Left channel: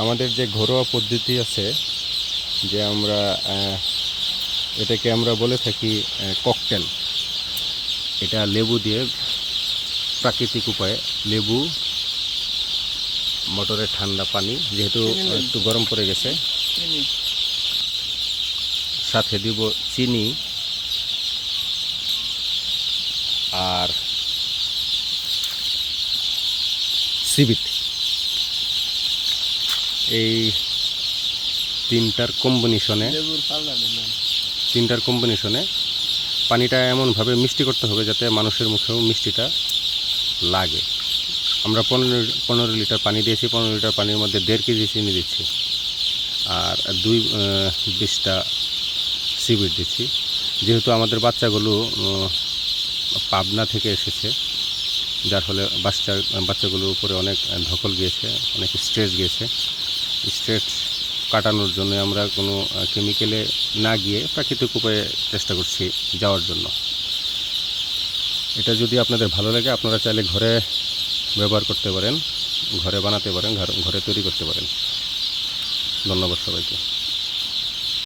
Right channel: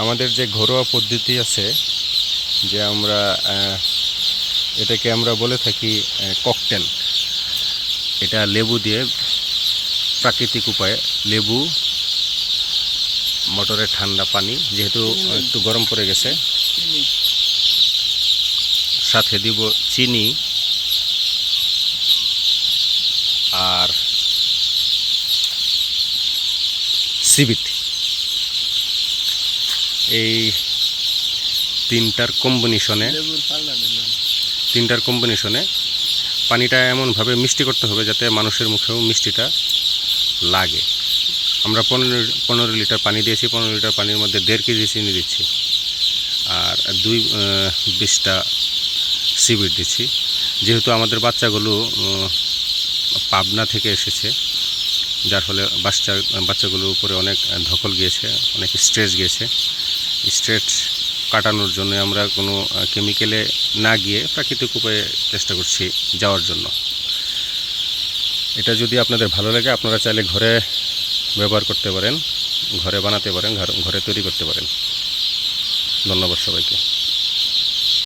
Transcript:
আমাদের যে ঘরোয়া পদ্ধতি আছে, যে আমরা এটাকে আমরা বলে থাকি ককটেল। এটা লেবু দিয়ে প্রাকৃতিক উপায়ে, লেবু, মোটরের ঠান্ডা পানি, যেহেতু একটু গরম পড়ে গেছে, সাথে দিব চিনি আর সিবিট। এই তিনটার কম্বিনেশনে পানিটা এমনভাবে মিষ্টি করতে হবে যাতে মানুষের মুখেও মিষ্টিটা লাগে। আমরা 15 লিটার পানি দিয়েছি। 15 লিটার পানির মধ্যে 1.5 কেজি চিনি দিচ্ছি আর 20টা সিবিট দিচ্ছি। যেহেতু আমাদের বাচ্চাগুলো পাবনা থেকে এসেছে, যার ফলে বাচ্চাগুলোর উপরে অনেক ধকল গিয়েছে, অনেক স্ট্রেস গিয়েছে। স্ট্রেস কাটানোর জন্য আমরা কোনো কেমিক্যালে না গিয়ে প্রাকৃতিক উপায়ে চেষ্টা করছি যাওয়ার জন্য। এটা যদি আপনাদের ভালো লাগে, আপনারা চাইলে ঘরে ব্যবহার করতে পারেন, ঘরে বানাতে পারেন, ঘরে তৈরি করতে পারেন। ধন্যবাদ সবাইকে।